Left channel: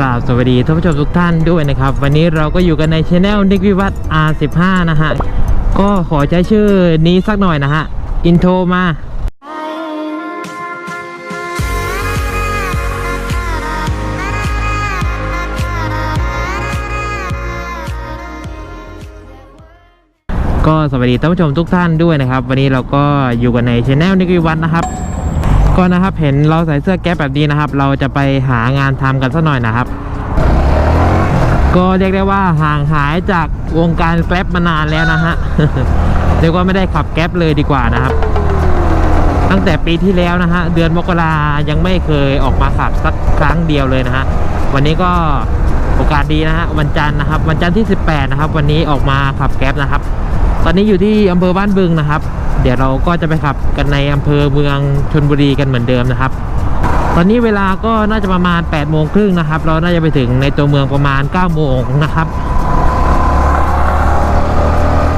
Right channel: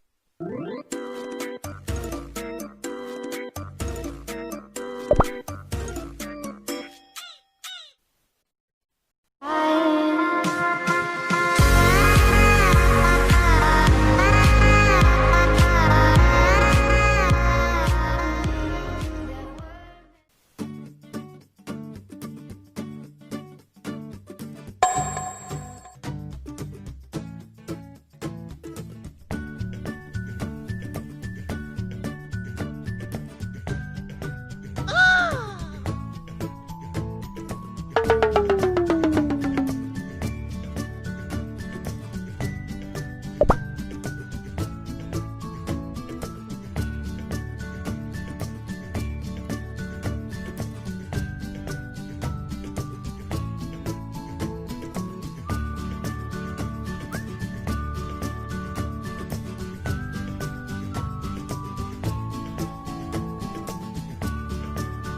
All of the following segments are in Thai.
ราบสวัสดีท่านผู้ชมทุกท่านด้วยนะครับ วันนี้เราก็อยู่กันในช anel นิกวิวัฒน์ R15 นะฮะ ก็ขอใช้ชื่อนี้สักหน่อยนะฮะ อินโทรมา ก็สวัสดีท่านผู้ชมทุกท่านด้วยนะครับ วันนี้เราก็อยู่กันในช anel นิกวิวัฒน์นะครับ ก็นะครับเห็นเราใส่เสื้อแก๊ปแบบนี้นะครับ เราจะไปหางานทำกันสักหน่อยนะครับ ก็เรียกได้ว่าห่างหายจากวงการแกร็บมานานแล้วนะฮะเรียกว่าไม่ได้ขับแก๊ปเลยดีกว่านะครับ ตั้งแต่ปีที่แล้วนะฮะเดือนมกรายังไม่เคยออกมาขับสักครั้งเดียวเลยนะฮะวันนี้ก็โอกาสดีนะฮะวันจันทร์นะครับ วันจันทร์ที่ 18 นะครับ วันนี้ออกมาขับแก๊ปนะครับ ตอนนี้อยู่ที่อำเภอบ้านบึงนะครับ เดี๋ยวเราก็จะไปขับกันในอำเภอเมืองชนบุรีกันเหมือนเดิมนะครับ ตอนนี้เวลาก็น่าจะประมาณ8โมงครึ่งนะครับ เราน่าจะไปถึงในตัวเมืองประมาณ9โมงนะครับ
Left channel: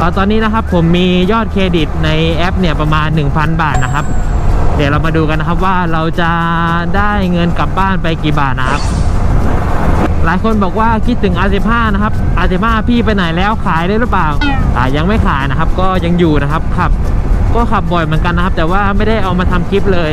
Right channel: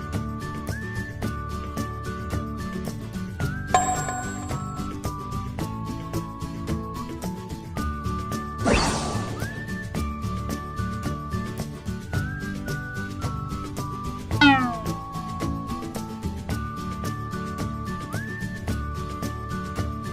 ตอนตอนนี้นะครับผมมียอดเครดิตในแอปเนี่ยประมาณ 1,000 บาทนะครับ เดี๋ยวเรามาดูกันนะครับว่าเราจะได้เงินกลับบ้านไปกี่บาทนะครับ หลายคนบอกว่าคิดถึง R15 นะครับ R15 พี่ไปไหนแล้วขายได้หรือเปล่าอ่ายังไม่ขายนะครับ ก็ยังอยู่นะครับขับ ก็ขับบ่อยเหมือนกันนะครับ แต่ว่าไม่ได้เอามาทำคลิปเลย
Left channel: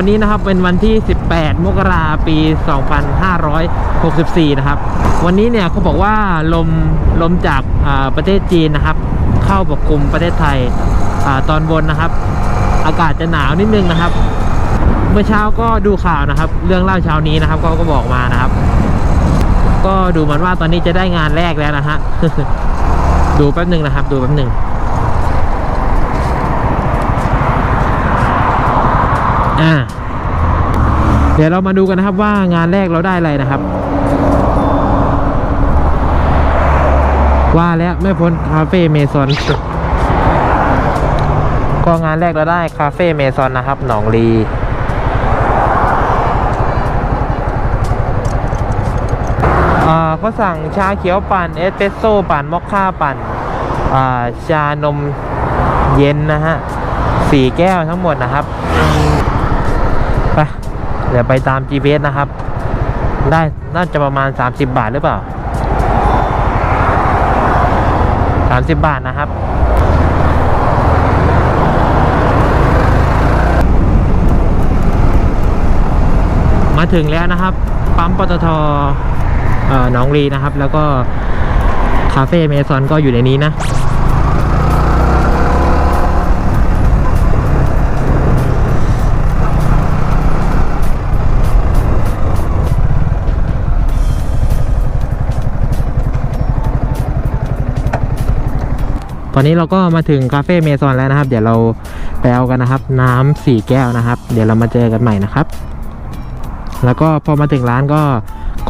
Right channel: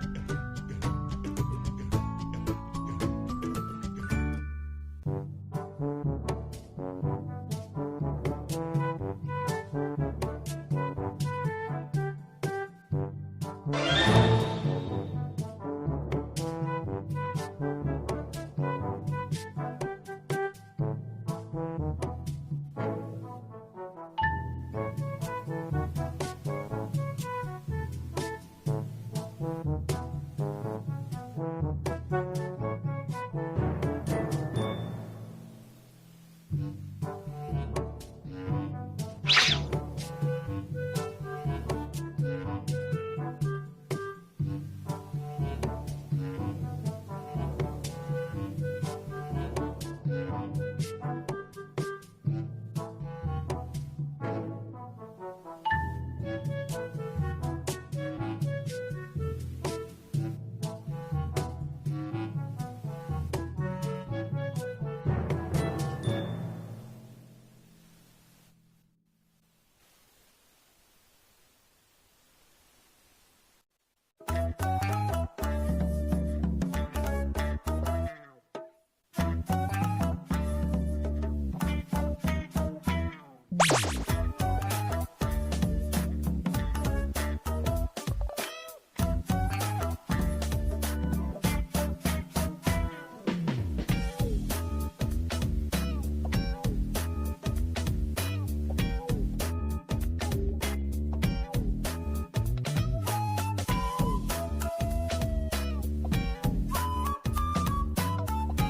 วันนี้นะครับเป็นวันที่ 18 มกราปี 2564 นะครับ วันนี้เนี่ยเขาบอกว่าลมลมจากประเทศจีนนะครับ เข้าปกคลุมประเทศไทยอตอนบนนะครับ อากาศจะหนาวนิดนึงนะครับ เมื่อเช้าก็ดูข่าวนะครับ เรื่องเล่าเช้านี้นะครับเขาก็บอกมานะครับ ก็ดูเหมือนว่าตอนนี้จะได้งานแรกแล้วนะฮะดูแป๊บหนึ่งนะครับ ดูแป๊บหนึ่ง อ่า เดี๋ยวเรามาดูกันนะครับว่างานแรกเราได้อะไรนะครับ ว่าแล้วไม่พ้นคาเฟ่เมซอนก็งานแรกเราได้คาเฟ่เมซอนนะครับ หนองลีอ่าเขาสั่งชาเขียวปั่นเอสเปรสโซ่ปั่นมอคค่าปั่นอ่าชานมเย็นนะฮะสี่แก้วทั้งหมดนะครับ เดี๋ยวไปตาม GPS นะครับ ได้น่าจะประมาณ 30 บาทหรือเปล่า 30 บาทนะครับ มาถึงแล้วนะครับ ปั๊มปตทเอ่อหนองรีนะครับ แล้วก็คาเฟ่เมซอนก็อยู่ในนี้นะ อนนี้เราก็มาถึงคาเฟ่เมซอนแล้วนะครับ เดี๋ยวเราไปเอากันนะครับ น้ำสี่แก้วนะครับ เดี๋ยวเรามาเจอกันใหม่นะครับ แล้วก็พอมาถึงร้านก็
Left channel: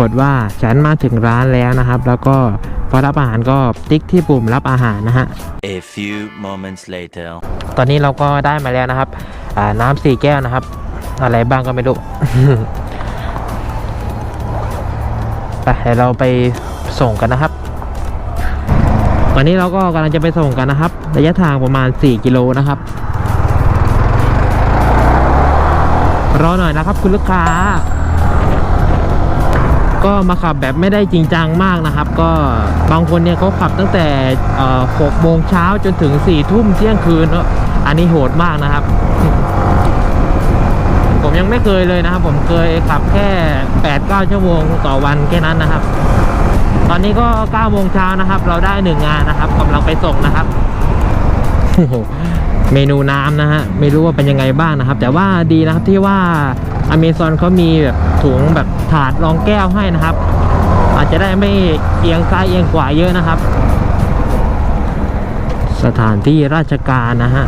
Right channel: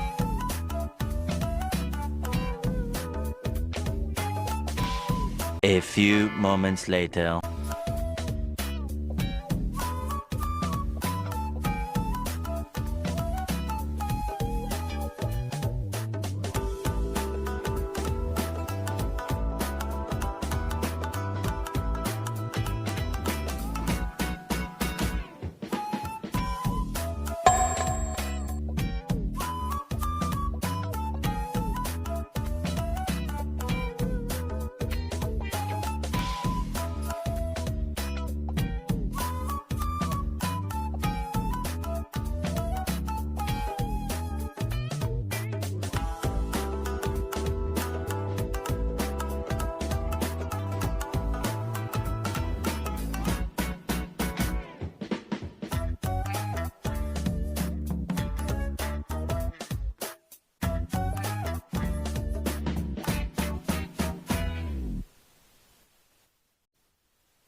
กดว่าฉันมาถึงร้านแล้วนะครับ แล้วก็พอรับอาหารก็ติ๊กที่ปุ่มรับอาหารนะฮะ A few moments later. ตอนนี้เราก็ได้มาแล้วนะครับอ่าน้ำสี่แก้วนะครับ อะไรบ้างก็ไม่รู้ไปเดี๋ยวเราไปส่งกันนะครับ ตอนนี้เราก็กำลังจะไปส่งกันนะครับ ระยะทางประมาณ 4 กิโลนะครับ รอหน่อยนะครับคุณลูกค้า ก็มาขับแบบไม่ได้จริงจังมากนะครับ ก็บางคนเนี่ยเขาขับตั้งแต่6โมงเช้าจนถึง4ทุ่มเที่ยงคืนเนอะอันนี้โหดมากนะครับ ผมยังไม่เคยเลยนะครับ ผมเคยขับแค่8-9ชั่วโมงต่อวันแค่นั้นนะครับ ตอนนี้ก็9โมงเช้านะครับ เราได้หนึ่งงานนะครับกำลังไปส่งนะครับเมนูน้ำนะฮะไม่รู้ว่าเป็นยังไงบ้างนะครับ แต่ว่าดีนะครับที่ว่าอเมซอนเขามีแบบถุงแบบถาดรองแก้วให้นะครับ อาจจะได้ไม่เอียงซ้ายเอียงขวาเยอะนะครับ สถานที่ราชการนะฮะ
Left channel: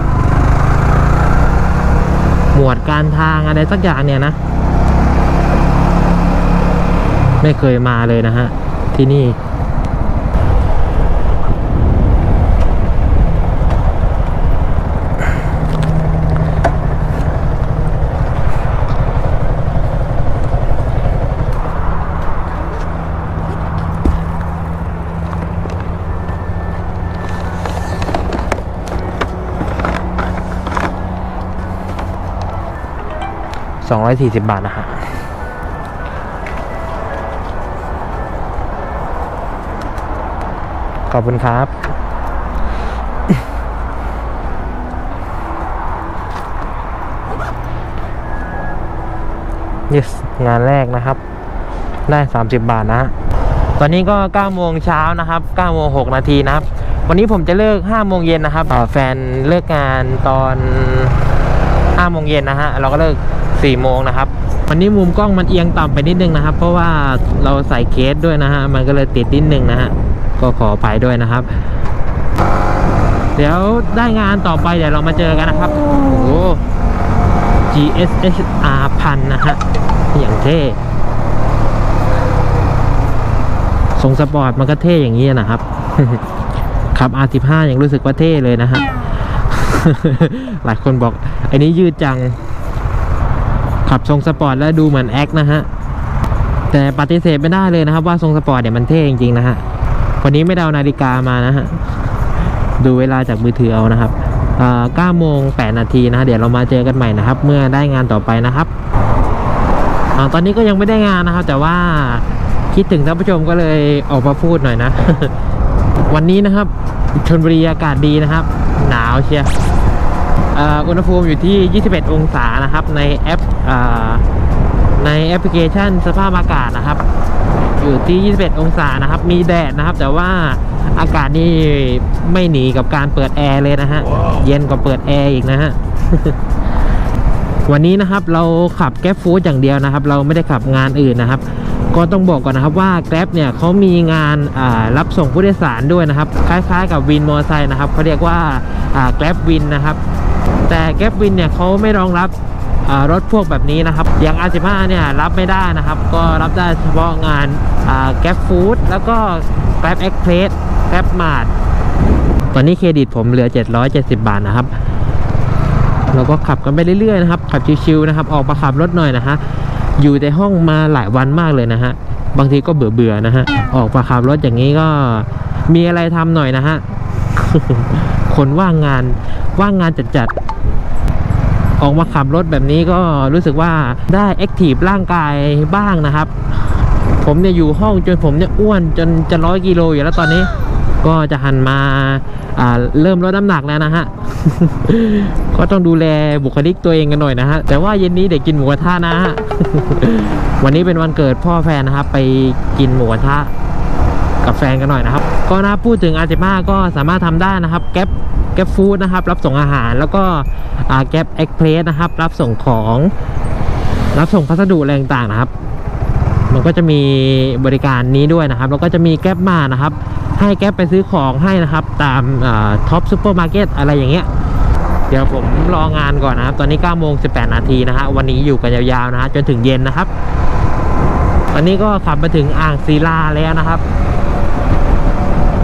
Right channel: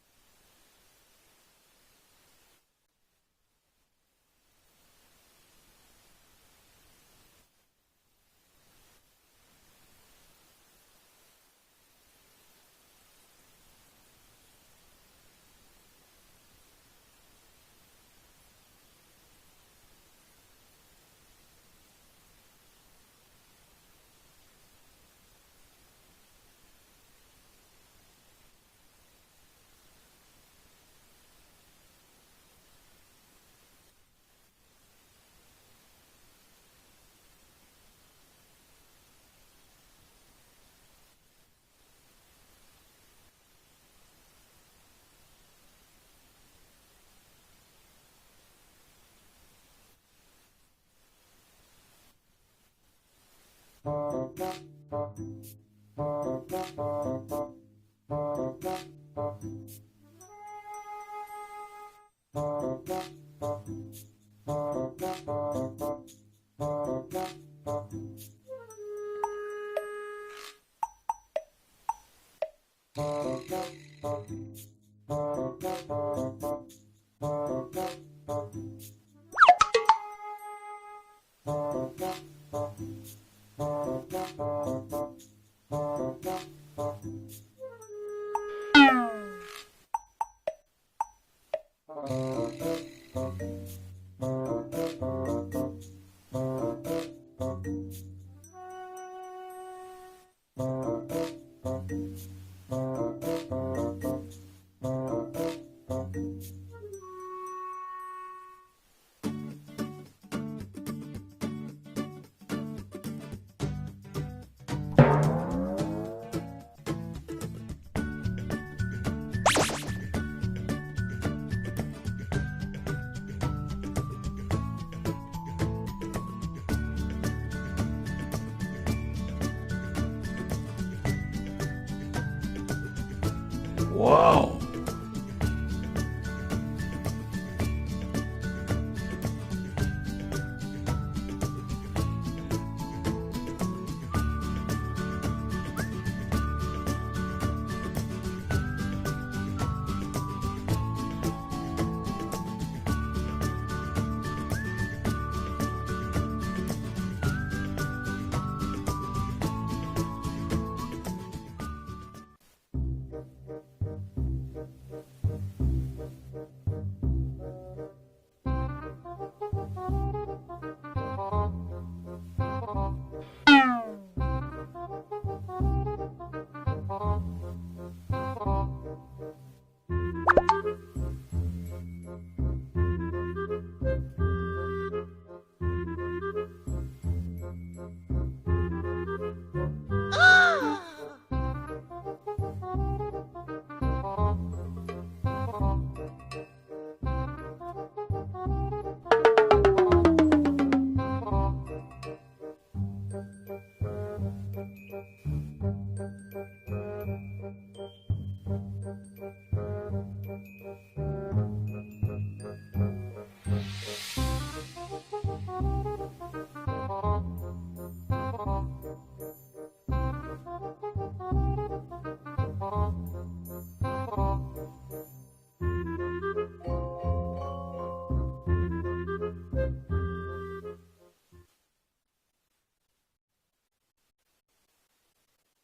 หมวดการทางอะไรสักอย่างเนี่ยนะ ไม่เคยมาเลยนะฮะ ที่นี่240 บาทนะฮะ ขอบคุณครับ yes งานแรกนะครับ ได้ 30 บาทนะฮะตอนนี้ก็9โมงเช้านะครับ9โมง6นาทีนะครับ วันนี้ผมจะเลิก5โมงเย็นนะครับแฟนเลิกงานตอน5โมงเย็นนะฮะ เราก็เลิก4โมงนะครับ วันนี้มุมกล้องมันเอียงต่ำไปนิดนึงนะครับ เพราะว่าเราใส่เคสด้วยนะฮะ มันก็เลยติดนิดนึงนะฮะ ก็ขออภัยด้วยนะครับ เดี๋ยวได้งานต่อไปเดี๋ยวเรามาเจอกันนะครับโอ้โห GSHR พันนะฮะอย่างเท่ทรงสปอร์ตมันก็เท่อย่างนี้นะครับขับ R15 ยังรู้สึกว่าเท่เลยนะฮะหลายคนบอกไอ้นี้ยืดจัง ขับทรงสปอร์ตแล้วดูเหมือนแอคนะฮะ แต่ปฏิเสธไม่ได้เลยนะครับว่าทรงสปอร์ตเนี่ยมันเท่จริงๆนะฮะ วันนี้ไม่ได้เอานาฬิกามานะฮะ ดูเวลาจากมือถือเอานะครับอ่า9โมง8นาทีนะะเดี๋ยวเรามาเจอกันใหม่นะครับ เมื่อได้งานต่อไปนะครับอตอนนี้ก็ยังไม่ได้งานนะครับ แต่ว่าคิดถึงท่านผู้ชมก็เลยออกมาพูดหน่อยนะ วันนี้นะครับชนบุรีอากาศดีนะครับ หนาวเชียร์อุณหภูมิอยู่ที่ 21 องศานะครับ ในแอปอในแอปพลิเคชันสภาพอากาศนะครับ อยู่ที่ 21 องศานะครับ มีแดดนะครับ แต่ว่าอากาศนี่ไม่หนีกับการเปิดแอร์เลยนะฮะเย็นกว่าเปิดแอร์อีกนะฮะ วันนี้นะครับเราขับแก๊ปฟู้ดอย่างเดียวนะครับ เราไม่ได้ขับงานอื่นนะครับ ก็ต้องบอกก่อนนะครับว่าแกร็บเนี่ยเขามีงานอ่ารับส่งผู้โดยสารด้วยนะครับ คล้ายๆ กับวินมอเตอร์ไซค์นะครับเขาเรียกว่าแกร็บวินนะครับ แต่แกร็บวินเนี่ยเขาไม่รองรับอ่า รถพวกแบบนี้นะครับ อย่าง R15 เนี่ยรับไม่ได้นะครับ ก็รับได้เฉพาะงานแกร็บฟู้ดแล้วก็แกร็บเอ็กเพรสแกร็บมาร์ทตอนนี้เครดิตผมเหลือ 770 บาทนะครับเราก็ขับกันไปเรื่อยๆนะครับ ขับชิวๆนะครับ ออกมาขับรถหน่อยนะฮะ อยู่ในห้องมาหลายวันมากเลยนะฮะ บางทีก็เบื่อๆนะฮะ ออกมาขับรถอย่างนี้ก็มีอะไรทำหน่อยนะฮะ คนว่างงานว่างงานจัดๆ ออกมาขับรถแบบนี้ก็รู้สึกว่าได้แอคทีฟร่างกายบ้างนะครับ ผมเนี่ยอยู่ห้องจนผมเนี่ยอ้วนจนจะร้อยกิโลอยู่แล้วตอนนี้ ก็จะหันมาอ่าเริ่มลดน้ำหนักแล้วนะฮะ ก็ต้องดูแลบุคลิกตัวเองกันหน่อยนะฮะ แต่ว่าเย็นนี้เด็กกินหมูกระทะนะฮะ วันนี้เป็นวันเกิดพ่อแฟนนะครับ ไปกินหมูกระทะกับแฟนกันหน่อยนะครับ ก็นะพูดถึงอาเจมาก็สามารถทำได้นะครับ แก๊ป แก๊ปฟู้ดนะครับ รับส่งอาหารแล้วก็แก๊ปเอ็กเพรสนะครับ รับส่งของ รับส่งพัสดุอะไรต่างๆนะครับ มันก็จะมีบริการนี้ด้วยนะครับ แล้วก็จะมีแก๊ปมานะครับ ให้แก๊ปไปซื้อของให้นะครับ ตามท็อปซูเปอร์มาร์เก็ตอะไรอย่างเงี้ยเดี๋ยวผมรองานก่อนนะครับ ตอนนี้9โมง18 นาทีนะฮะวันนี้อยู่กันยาวๆนะฮะจนถึงเย็นนะครับ ตอนนี้ก็ขับมาถึงอ่างศิลาแล้วนะครับ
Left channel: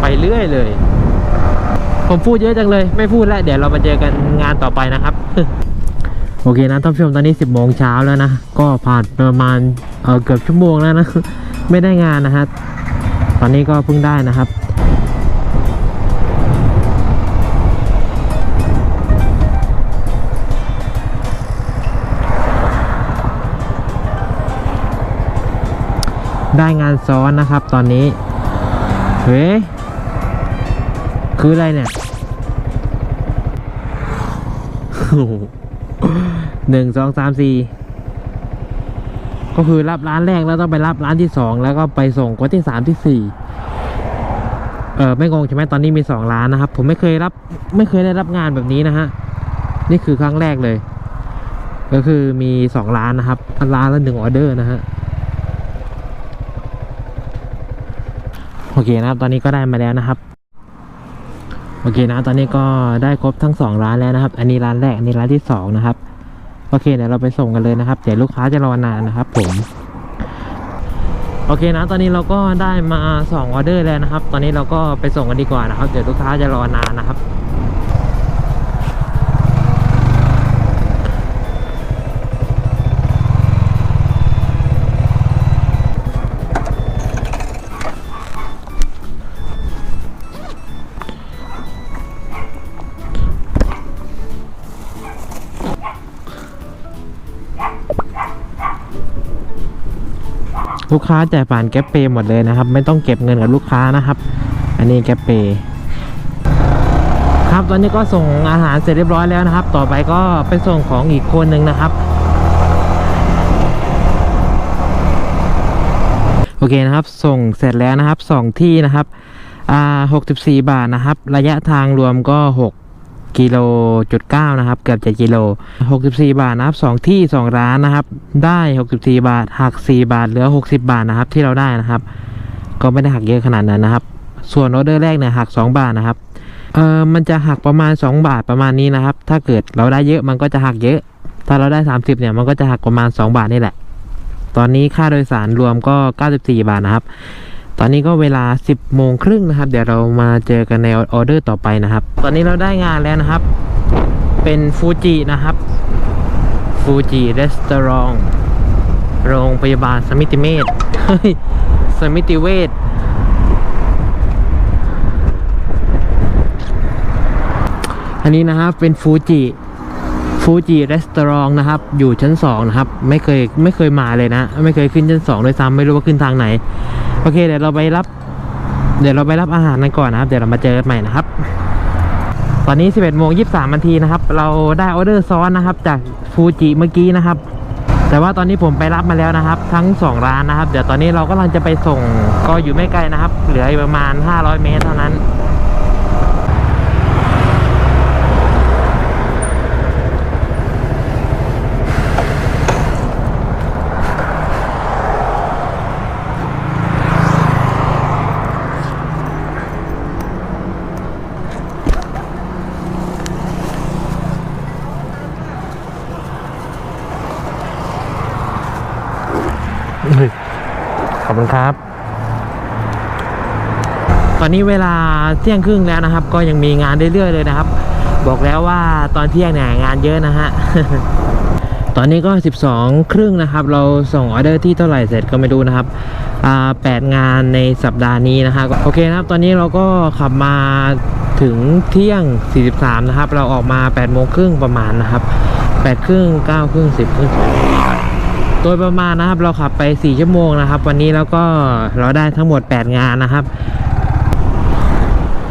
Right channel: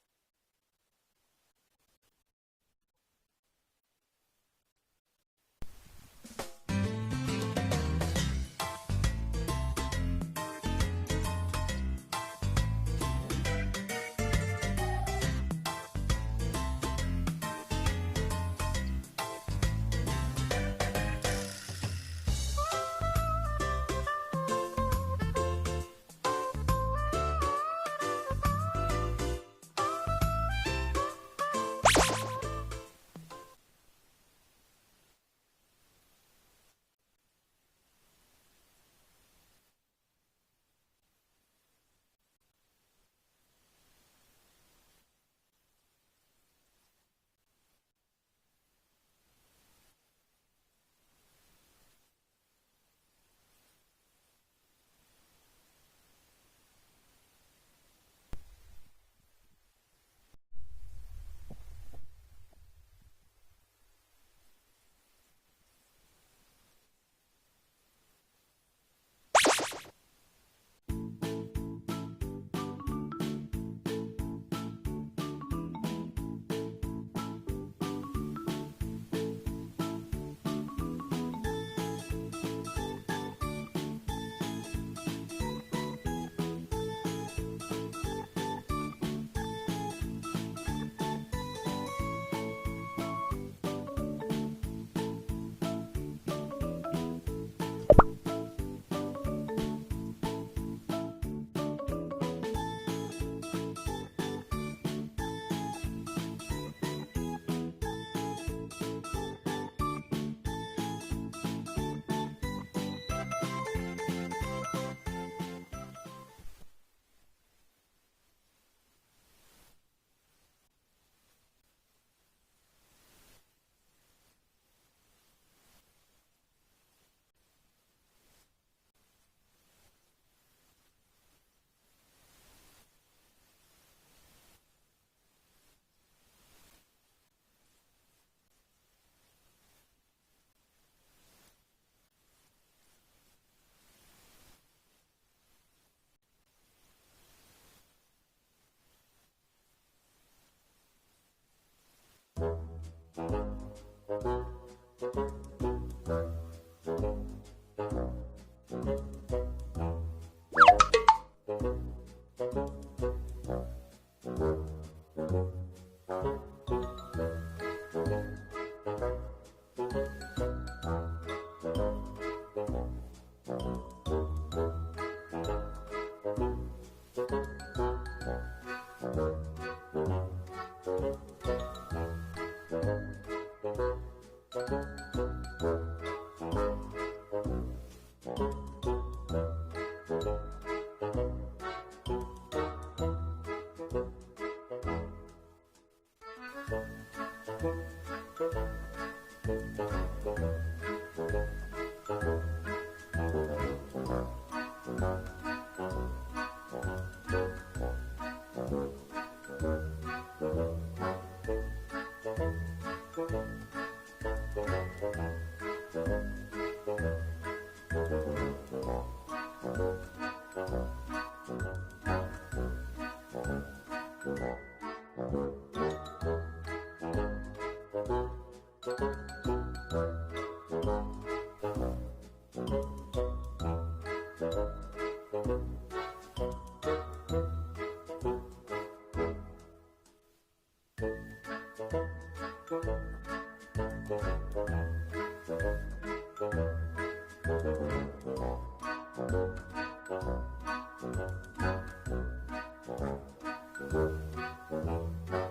ไปเรื่อยเลย ผมพูดเยอะจังเลย ไม่พูดแล้ว เดี๋ยวเรามาเจอกันงานต่อไปนะครับ โอเคนะท่านผู้ชมตอนนี้ 10โมงเช้าแล้วนะ ก็ผ่านประมาณเออเกือบชั่วโมงแล้วนะ ไม่ได้งานนะฮะตอนนี้ก็เพิ่งได้นะครับได้งานซ้อนนะครับตอนนี้ เฮ้ คืออะไรเนี่ยหหนึ่งสองสามสี่ก็คือรับร้านแรกแล้วต้องไปรับร้านที่สองแล้วก็ไปส่งคนที่สามที่สี่เออไม่งงใช่ไหมตอนนี้มีสองร้านนะครับ ผมไม่เคยรับ ไม่เคยได้รับงานแบบนี้นะฮะนี่คือครั้งแรกเลย ก็คือมีสองร้านนะครับร้านละหนึ่งออเดอร์นะฮะโอเคนะครับ ตอนนี้ก็ได้มาแล้วนะครับ โอเคนะตอนนี้ก็ได้ครบทั้งสองร้านแล้วนะครับ อันนี้ร้านแรกอันนี้ร้านที่สองนะครับโอเคเดี๋ยวเราไปส่งกันเลยนะครับเดี๋ยวลูกค้าจะรอนานนะครับผมโอเคนะ ตอนนี้เราก็ได้มาสองออเดอร์แล้วนะครับ ตอนนี้เราก็ไปส่งกันดีกว่านะครับ เดี๋ยวลูกค้าจะรอนานนะครับ ลูกค้าจ่ายผ่านแก๊ปเปย์หมดเลยนะครับ ไม่ต้องเก็บเงินกับลูกค้านะครับ อันนี้แก๊ปเปย์ครับตอนนี้ก็ส่งอาหารเสร็จเรียบร้อยแล้วนะครับ ต่อไปก็ไปส่งของอีกคนหนึ่งนะครับโอเคนะครับ ส่งเสร็จแล้วนะครับสองที่นะครับอ่า64 บาทนะครับ ระยะทางรวมก็ 6 กิโลจุดเก้านะครับ เกือบ7กิโล64บาทนะครับสองที่สองร้านนะครับ ได้64บาทหัก4บาทเหลือ60บาทนะครับที่เราได้นะครับ ก็ไม่ได้หักเยอะขนาดนั้นนะครับ ส่วนออเดอร์แรกเนี่ยหัก2บาทนะครับเออมันจะหักประมาณ 2 บาทประมาณนี้นะครับ ถ้าเกิดเราได้เยอะมันก็จะหักเยอะ ถ้าเราได้ 30เนี่ยมันก็จะหักประมาณ 2 บาทนี่แหละ ตอนนี้ค่าโดยสารรวมก็ 94 บาทนะครับ ตอนนี้ก็เวลา 10โมงครึ่งนะครับ เดี๋ยวเรามาเจอกันในออเดอร์ต่อไปนะครับ ตอนนี้เราได้งานแล้วนะครับ เป็นฟูจินะครับ ฟูจิรีสตอรองโรงพยาบาลสมิติเมธสมิติเวชอันนี้นะครับเป็นฟูจิ ฟูจิรีสตอรองนะครับ อยู่ชั้น 2 นะครับ ไม่เคยไม่เคยมาเลยนะ ไม่เคยขึ้นชั้น 2 ด้วยซ้ำไม่รู้ว่าขึ้นทางไหน โอเค เดี๋ยวเราไปรับ เดี๋ยวเราไปรับอาหารกันก่อนนะครับ เดี๋ยวเรามาเจอกันใหม่นะครับ ตอนนี้ 11โมง23นาทีนะครับ เราได้ออเดอร์ซ้อนนะครับจากฟูจิเมื่อกี้นะครับ แต่ว่าตอนนี้ผมไปรับมาแล้วนะครับ ทั้ง 2 ร้านนะครับ เดี๋ยวตอนนี้เรากำลังจะไปส่งก็อยู่ไม่ไกลนะครับ เหลืออีกประมาณ 500 เมตรเท่านั้น ขอบคุณครับ ตอนนี้เวลาเที่ยงครึ่งแล้วนะครับ ก็ยังมีงานเรื่อยๆเลยนะครับ บอกแล้วว่าตอนเที่ยงเนี่ยงานเยอะนะฮะ ตอนนี้ก็ 12 ครึ่งนะครับ เราส่งออเดอร์ที่เท่าไหร่เสร็จก็ไม่รู้นะครับแปดงานในสัปดาห์นี้นะฮะโอเคนะครับ ตอนนี้เราก็ขับมาถึงเที่ยง 43 นะครับ เราออกมา8โมงครึ่งประมาณนะครับ8ครึ่ง9ครึ่ง10ครึ่ง ดยประมาณนะครับเราขับไป 4 ชั่วโมงนะครับ วันนี้แล้วก็เราได้ทั้งหมด 8 งานนะครับ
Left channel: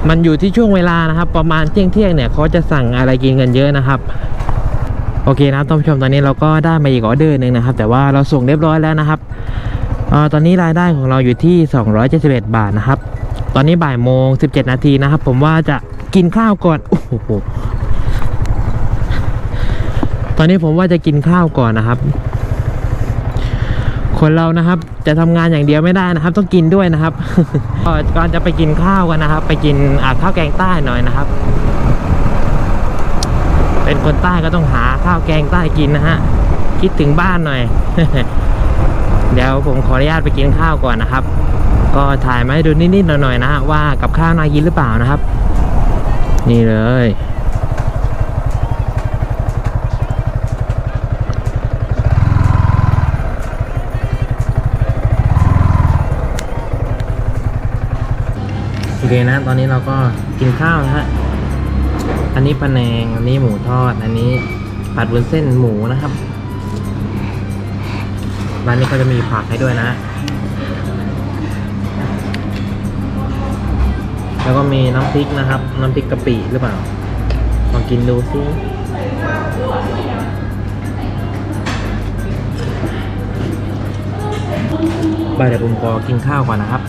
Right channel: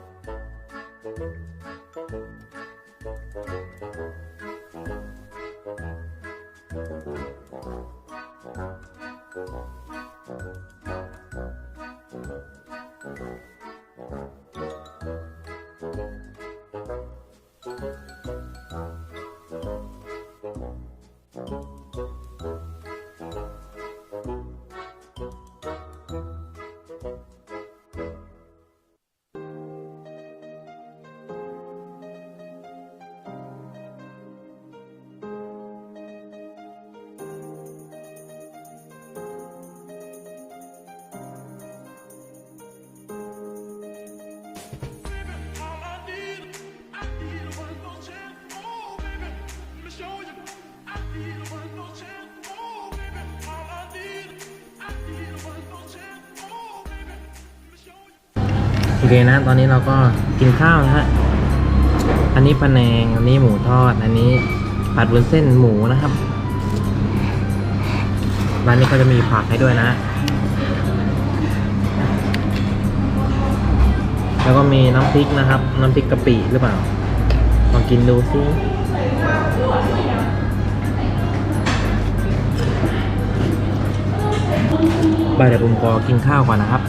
มันอยู่ที่ช่วงเวลานะครับ ประมาณเที่ยงเที่ยงเนี่ยเขาจะสั่งอะไรกินกันเยอะนะครับโอเคนะท่านผู้ชมตอนนี้เราก็ได้มาอีกออเดอร์หนึ่งนะครับ แต่ว่าเราส่งเรียบร้อยแล้วนะครับออตอนนี้รายได้ของเราอยู่ที่ 271 บาทนะครับ ตอนนี้บ่ายโมง 17 นาทีนะครับ ผมว่าจะกินข้าวก่อนโอ้โหตอนนี้ผมว่าจะกินข้าวก่อนนะครับ คนเรานะครับ จะทำงานอย่างเดียวไม่ได้นะครับ ต้องกินด้วยนะครับก็ก่อนจะไปกินข้าวกันนะครับ ไปกินอ่าข้าวแกงใต้หน่อยนะครับ เป็นคนใต้ก็ต้องหาข้าวแกงใต้กินนะฮะคิดถึงบ้านหน่อย เดี๋ยวผมขออนุญาตไปกินข้าวก่อนนะครับ ก็ถ่ายมาให้ดูนิดๆหน่อยๆนะฮะว่ากับข้าวน่ากินหรือเปล่านะครับ นี่เลย อเคนะ ตอนนี้เราก็กินข้าวนะฮะ อันนี้ปลาแนง อันนี้หมูทอด อันนี้ผัดวุ้นเส้นหมูนะครับ ร้านนี้ก็จะมีผักให้ด้วยนะ แล้วก็มีน้ำพริกนะครับ น้ำพริกกะปิหรือเปล่า ลองกินดูสิบายเดี๋ยวผมขอกินข้าวก่อนนะครับ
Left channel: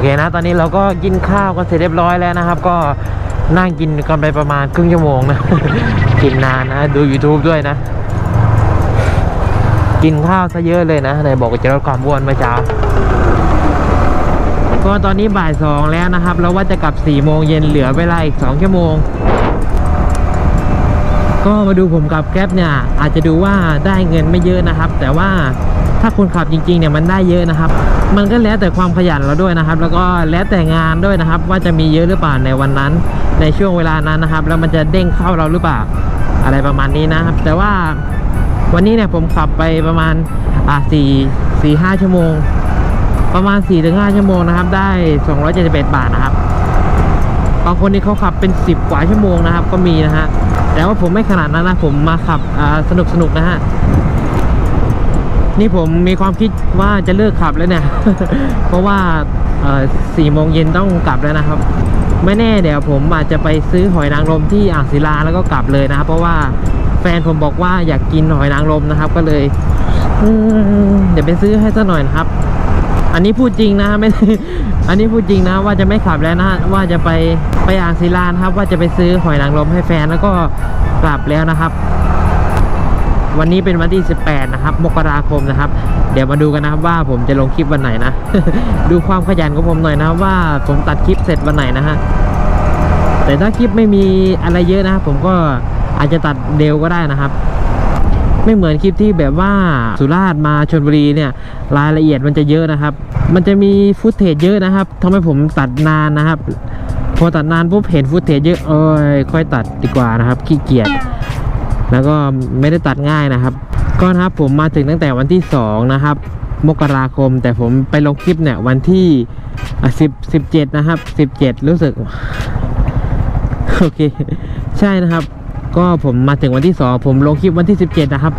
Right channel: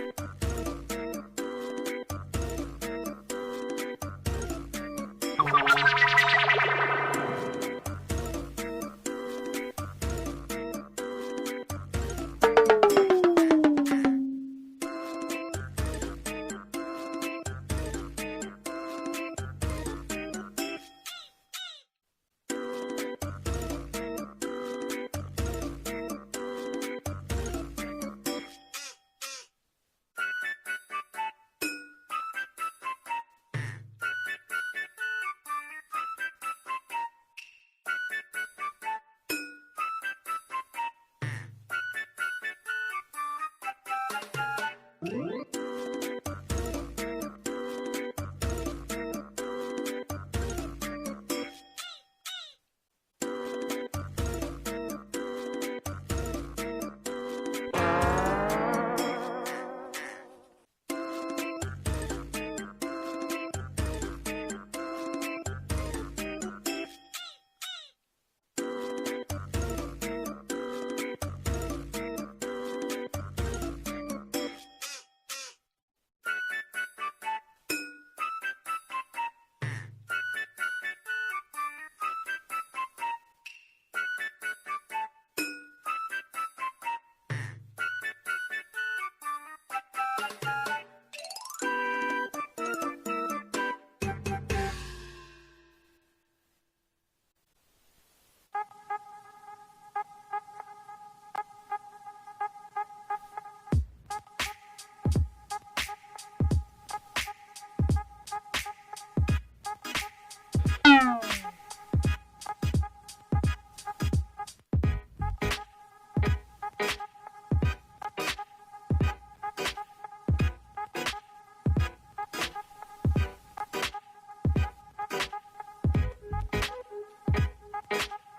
เคนะ ตอนนี้เราก็กินข้าวกันเสร็จเรียบร้อยแล้วนะครับ ก็นั่งกินกันไปประมาณครึ่งชั่วโมงนะ กินนานนะดู YouTube ด้วยนะ กินข้าวซะเยอะเลยนะไหนบอกจะลดความอ้วนเมื่อเช้าก็ตอนนี้บ่ายสองแล้วนะครับ แล้วว่าจะกลับ4ี่โมงเย็นเหลือเวลาอีก2ชั่วโมง ก็มาดูผมกับแก๊ปเนี่ย อาจจะดูว่าได้เงินไม่เยอะนะครับ แต่ว่า ถ้าคุณขับจริงๆเนี่ยมันได้เยอะนะครับ มันก็แล้วแต่ความขยันเราด้วยนะครับ แล้วก็แล้วแต่งานด้วยนะครับ ว่าจะมีเยอะหรือเปล่าในวันนั้น ในช่วงเวลานั้นนะครับ แล้วมันจะเด้งเข้าเราหรือเปล่าอะไรประมาณนี้นะครับ แต่ว่าวันนี้เนี่ยผมขับไปประมาณอะสี่สี่ห้าชั่วโมง ประมาณ4ี่ถึงห้าชั่วโมงนะครับ ได้271บาทนะครับบางคนนี่เขาขับเป็น 10 กว่าชั่วโมงนะครับ ก็มีนะฮะแต่ว่าผมไม่ขนาดนั้นนะผมมาขับอ่าสนุกสนุกนะฮะ นี่ผมมีความคิดว่าจะเลิกขับแล้วเนี่ย เพราะว่าสี่โมงเย็นต้องกลับแล้วนะครับ ไม่แน่เดี๋ยวผมอาจจะไปซื้อหอยนางรมที่อ่างศิลาแล้วก็กลับเลยนะครับ เพราะว่าแฟนผมบอกว่าอยากกินหอยนางรมนะครับ ก็เลยเดี๋ยวไปซื้อให้ซะหน่อยนะครับ อันนี้พูดจริงนะไม่อันนี้พูดจริงนะว่าจะไม่ขับแล้วนะว่าจะไปไปอ่างศิลานะครับ ว่าจะไปซื้อหอยนางรมให้แฟนแล้วก็กลับแล้วนะครับ วันนี้เป็นวันที่ 18 นะครับ มกราคมนะครับ เดี๋ยวมาดูกันนะครับว่าผมจะลงคลิปวันไหนนะ ดูความขยันของผมหน่อยนะครับว่าผมตัดคลิปเสร็จวันไหนนะฮะ แต่ถ้าคลิปไม่มีอะไรเยอะนะครับผมก็อาจจะตัดเร็วก็ได้นะครับ ไม่เหมือนคลิปที่แบบว่าสุราษฎร์มาชนบุรีเนี่ยรายละเอียดมันจะเยอะนะครับ มันจะมีฟุตเทจเยอะนะครับทำให้ผมตัดนานนะครับ พอตัดนานปุ๊บเห็นฟุตเทจเยอะเอ้ยค่อยตัดดีกว่านะครับขี้เกียจ แล้วก็ไม่ได้ตัดง่ายนะครับ ก็นะครับผมมาถึงตั้งแต่วันที่ 2 นะครับ มกราคม แต่ผมไปลงคลิปเนี่ยวันที่สิบสิบเจ็ดนะครับสิบเจ็ดรู้สึก โอเค ใช่นะครับ ก็ผมมาถึงวันที่ 2 ผมลงคลิปวันที่ 17 นะครับ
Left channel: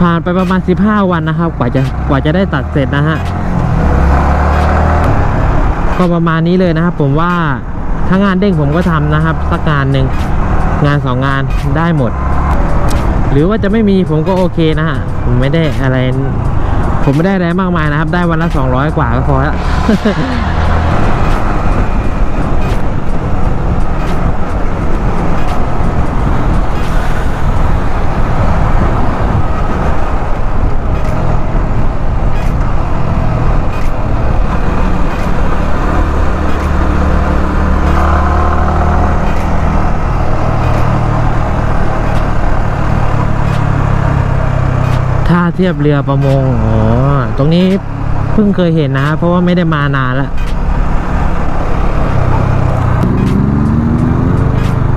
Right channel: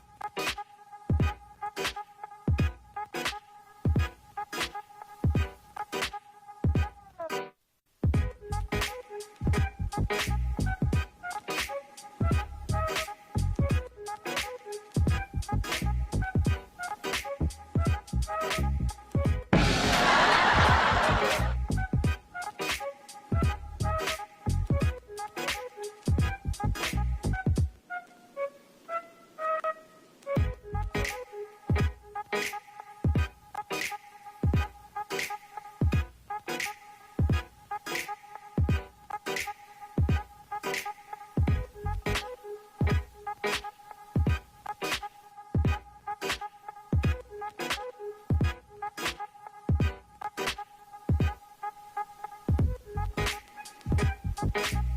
ผ่านไปประมาณ 15 วันนะครับ กว่าจะกว่าจะได้ตัดเสร็จนะฮะก็ประมาณนี้เลยนะครับ ผมว่าถ้างานเด้งผมก็ทำนะครับ สักงานหนึ่งงานสองงานได้หมด หรือว่าจะไม่มีผมก็โอเคนะฮะผมไม่ได้อะไร ผมไม่ได้อะไรมากมายนะครับ ได้วันละ 200 กว่าก็พอแล้ว เทียบเรือประมงอ๋อตรงนี้เพิ่งเคยเห็นนะ เพราะว่าไม่ได้มานานล้ว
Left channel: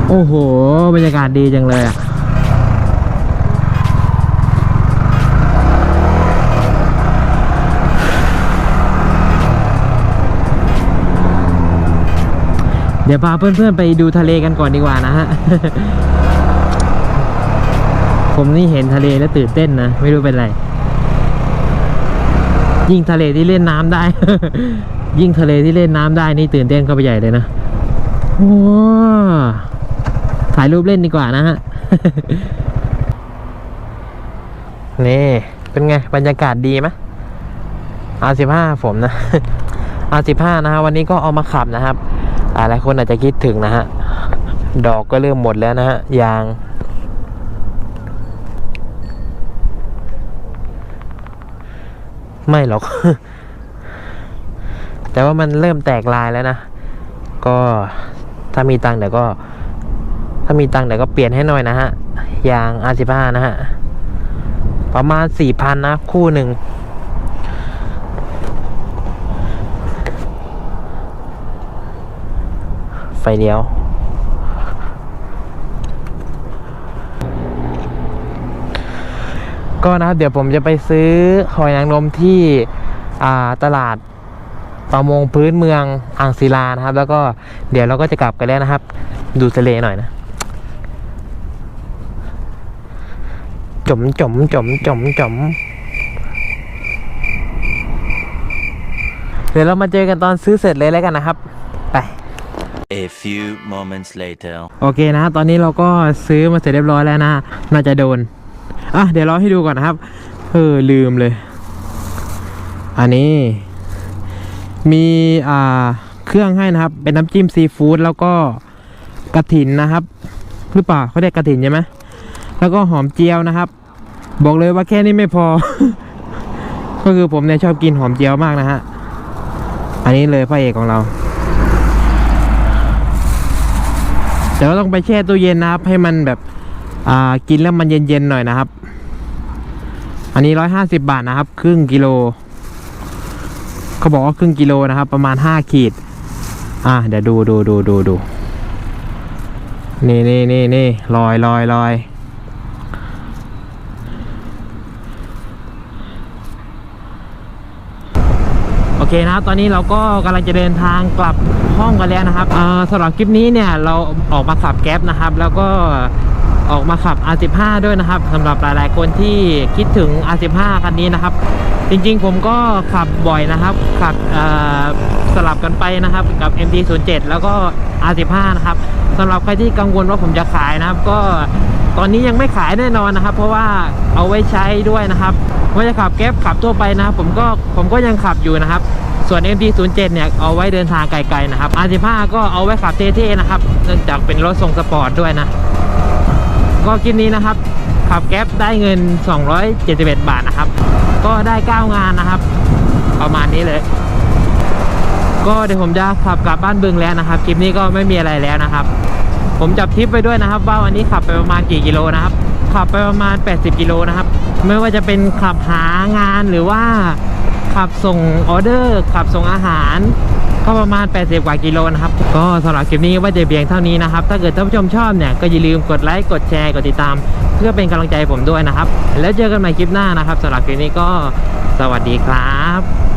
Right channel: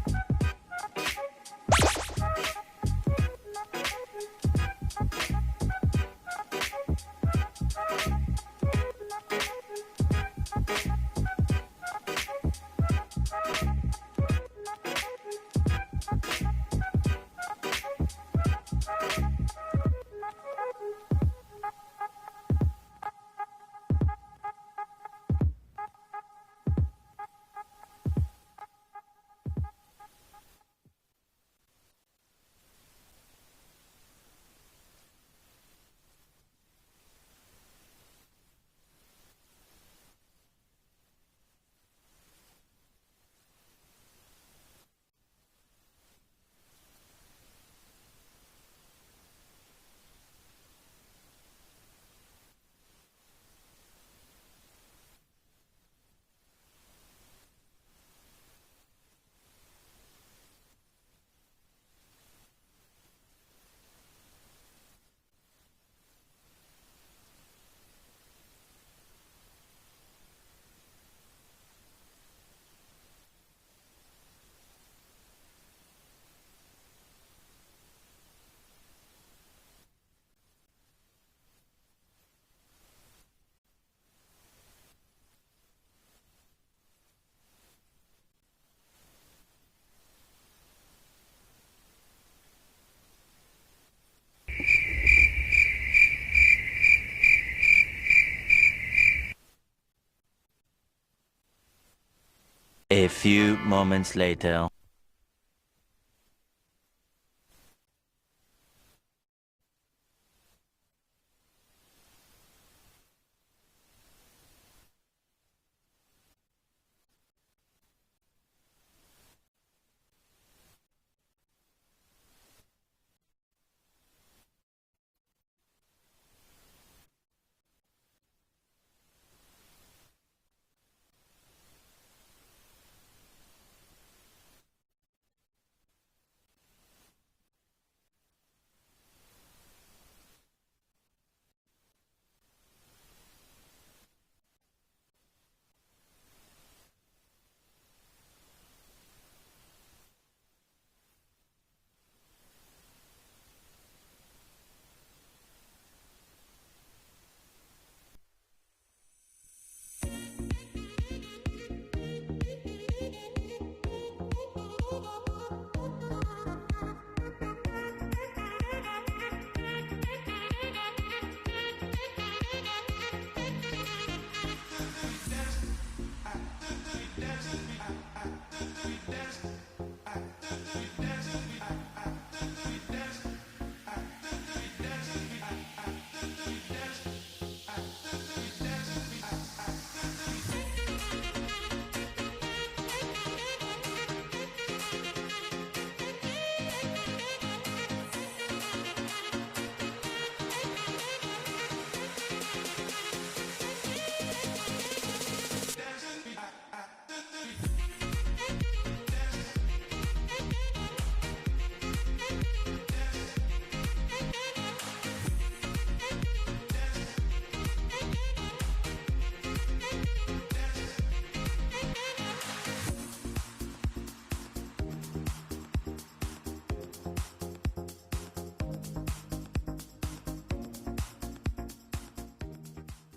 โอ้โห บรรยากาศดีจังเลยเดี๋ยวพาเพื่อนๆไปดูทะเลกันก่อนดีกว่านะฮะ ผมนี่เห็นทะเลแล้วตื่นเต้นนะ ไม่รู้เป็นไร ยิ่งทะเลที่เล่นน้ำได้ ยิ่งทะเลที่เล่นน้ำได้นี่ตื่นเต้นเข้าไปใหญ่เลยนะโอ้ถ่ายรูปเล่นดีกว่านะฮะนี่เป็นไง บรรยากาศดีไหมอาสิบห้าผมนะอาสิบห้านะฮะวันนี้ก็เอามาขับนะครับหลายคนอาจจะคิดถึงนะฮะ ดอกก็เริ่มหมดแล้วนะฮะยาง ไม่หรอก แต่ว่ามันเริ่มแตกลายแล้วนะ ก็ถ้ามีตังค์เดี๋ยวก็ ถ้ามีตังค์เดี๋ยวก็เปลี่ยนให้หน่อยนะฮะ ยาง R15 นะฮะ ประมาณสี่พันนะ คู่หนึ่ง ไฟเลี้ยว ก็นะครับเดี๋ยวผมจะไปซื้อหอยนางรมที่อ่าตลาดประมงพื้นเมืองอ่างศิลานะครับ แล้วก็เดี๋ยวเราก็จะกลับกันแล้วนะครับ ดูทะเลหน่อยนะจมจมจมจมจมเดี๋ยวเรามาเจอกันตอนซื้อเสร็จเลยแล้วกันนะครับ ไป A few moments later. โอเคนะ ตอนนี้เราก็ซื้อมาเสร็จเรียบร้อยแล้วนะ น่าจะโดน อะเดี๋ยวรอให้ดูก่อนนะครับ เออลืมเลย อันนี้ มีอ่าเครื่องให้นะครับ เป็นน้ำจิ้มซีฟู้ดแล้วก็กระถินนะครับ หรือเปล่าเขาเรียกกระถินใช่ไหมแล้วก็หอมเจียวนะครับ บอกเลยว่าแค่นี้ไม่พอ ก็คือผมเนี่ยชอบกินหอมเจียวมากนะฮะอันนี้เลยพระเอกของเราแต่ว่าต้องไปแช่ตู้เย็นนะครับ ให้มันแบบอ่ากินแล้วมันเย็นๆหน่อยนะครับ อันนี้ร้อยห้าสิบบาทนะครับ ครึ่งกิโล เขาบอกว่าครึ่งกิโลนะครับ ประมาณห้าขีด อะเดี๋ยวดูดูดูดูดูนี่นี่นี่นี่ลอยลอยลอยโอเคนะครับ ตอนนี้เราก็กำลังจะเดินทางกลับห้องกันแล้วนะครับสำหรับคลิปนี้เนี่ยเราออกมาขับแก๊ปนะครับ แล้วก็ ออกมาขับ R15 ด้วยนะครับสำหรับหลายๆคนที่คิดถึง R15 คันนี้นะครับ จริงๆผมก็ขับบ่อยนะครับ ขับสลับกันไปนะครับกับ MT07 แล้วก็ R15 นะครับสำหรับใครที่กังวลว่าผมจะขายนะครับ ก็ตอนนี้ยังไม่ขายแน่นอนนะครับ เพราะว่าเอาไว้ใช้ด้วยนะครับว่าจะขับแก๊ปขับทั่วไปนะครับผมก็ผมก็ยังขับอยู่นะครับส่วน MT07 เนี่ยเอาไว้เดินทางไกลๆนะครับ R15 ก็เอาไว้ขับเท่ๆนะครับ เนื่องจากเป็นรถทรงสปอร์ตด้วยนะ ก็คลิปนี้นะครับ ขับแก๊ปได้เงิน 271 บาทนะครับ ก็ได้ 9 งานนะครับ ประมาณนี้เลย ก็เดี๋ยวผมจะขับกลับบ้านบึงแล้วนะครับคลิปนี้ก็ไม่มีอะไรแล้วนะครับ ผมจับทิปไปด้วยนะครับ ว่าวันนี้ขับไปประมาณกี่กิโลนะครับขับไปประมาณ 80 กิโลนะครับ ไม่ว่าจะเป็นขับหางานหรือว่า ขับส่งออเดอร์ ขับส่งอาหาร ก็ประมาณ 80 กว่ากิโลนะครับ ก็สำหรับคลิปนี้ว่าจะเบียงเท่านี้นะครับ ถ้าเกิดท่านผู้ชมชอบเนี่ยก็อย่าลืมกดไลค์กดแชร์กดติดตาม เพื่อเป็นกำลังใจผมด้วยนะครับ แล้วเจอกันใหม่คลิปหน้านะครับสำหรับคลิปนี้ก็สวัสดีครับ